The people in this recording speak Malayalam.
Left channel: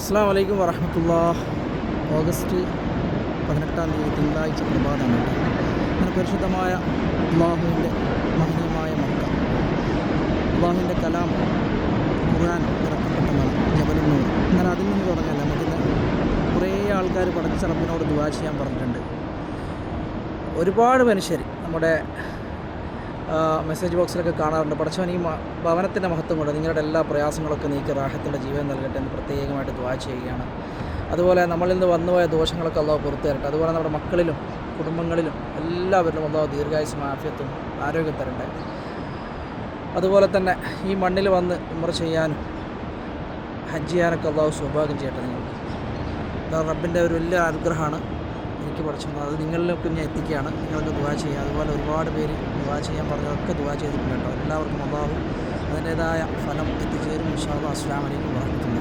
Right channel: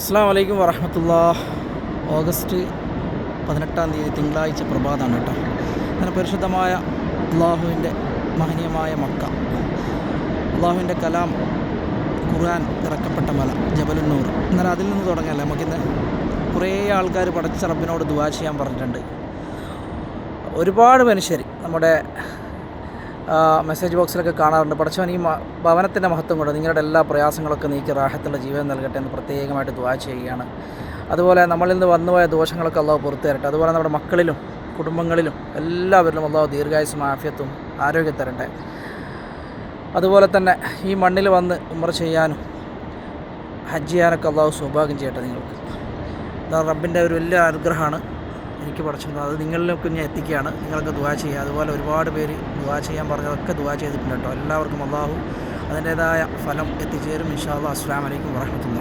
അസ്സാം വലൈക്കും വറഹമത്തുള്ള ഓഗസ്റ്റ് പതിനെട്ടാം തീയതി തിങ്കളാഴ്ച പ്രഭാതമാണ് അങ്ങനെ പരിശുദ്ധമായ അള്ളാഹുവിന്റെ മഹനീയമായ മക്ക. അള്ളാഹുവിന്റെ കലാം ഖുർആൻ ഇറക്കപ്പെട്ട മല ജബലുന്നൂർ. എന്നാൽ അതിൽ നിന്ന് തുടങ്ങല്ല നമുക്കിന്ന് കുറേ ആൾക്കാർ പഠിച്ച റബ്ബിനോട് ദുവാ ചെയ്യാൻ പറഞ്ഞിട്ടുണ്ട്. ഒരുപാട് മനുഷ്യർ നമ്മുടെ മെസ്സേജ് ബോക്സിലൊക്കെ കാണാറുണ്ട്. പടച്ചവൻ ഈ ഭവനത്തിന്റെ മഹത്വം കൊണ്ട് നിങ്ങളുടെ എല്ലാ പ്രയാസങ്ങളൊക്കെ നീക്കി റാഹത്തിന്റെ ജീവൻ നൽകട്ടെ എന്ന് പ്രത്യേകമായിട്ട് ദ്വാ ചെയ്യുകയാണ്. അതുപോലെ നമ്മളിൽ നിന്ന് വന്നുപോയ ദോഷങ്ങളൊക്കെ അള്ളാഹ് പുറത്തു തരട്ടെ. അതുപോലെ നമ്മുടെ മക്കളിലും കുടുംബങ്ങളിലും എല്ലാവരിലും അള്ളാഹ് ദീർഘായുസും മാഫിയത്തും ആരോഗ്യം തരട്ടെ. അതുപോലെ തന്നെ ഈ മണ്ണിൽ വന്ന് ഉമർ ചെയ്യാനും ഹജ്ജ് ചെയ്യാനൊക്കെ അള്ളാഹു സൗഭാഗ്യം ചെയ്യട്ടെ നിങ്ങൾക്ക്. റബ്ബിന്റെ ഒരു വലിയ അനുഗ്രഹമാണ്. എനിക്ക് പഠിച്ചത് അത് നിങ്ങളിലേക്ക് ഞാൻ എത്തിക്കുകയാണ്. നിങ്ങൾക്ക് ദുവാ ചെയ്യുക. അതുപോലെ ഒരുപാട് പേര് ദുവാ ചെയ്യാൻ പറഞ്ഞതൊക്കെ ദുവാ ചെയ്തിട്ടുണ്ട് കേട്ടോ. എല്ലാവർക്കും അള്ളാഹു അതിന്റേതായ ഫലം എത്തിച്ചേരും. ഇൻഷാ അല്ലാ അസ്സാം വലൈക്കും വാഹമത്തുള്ള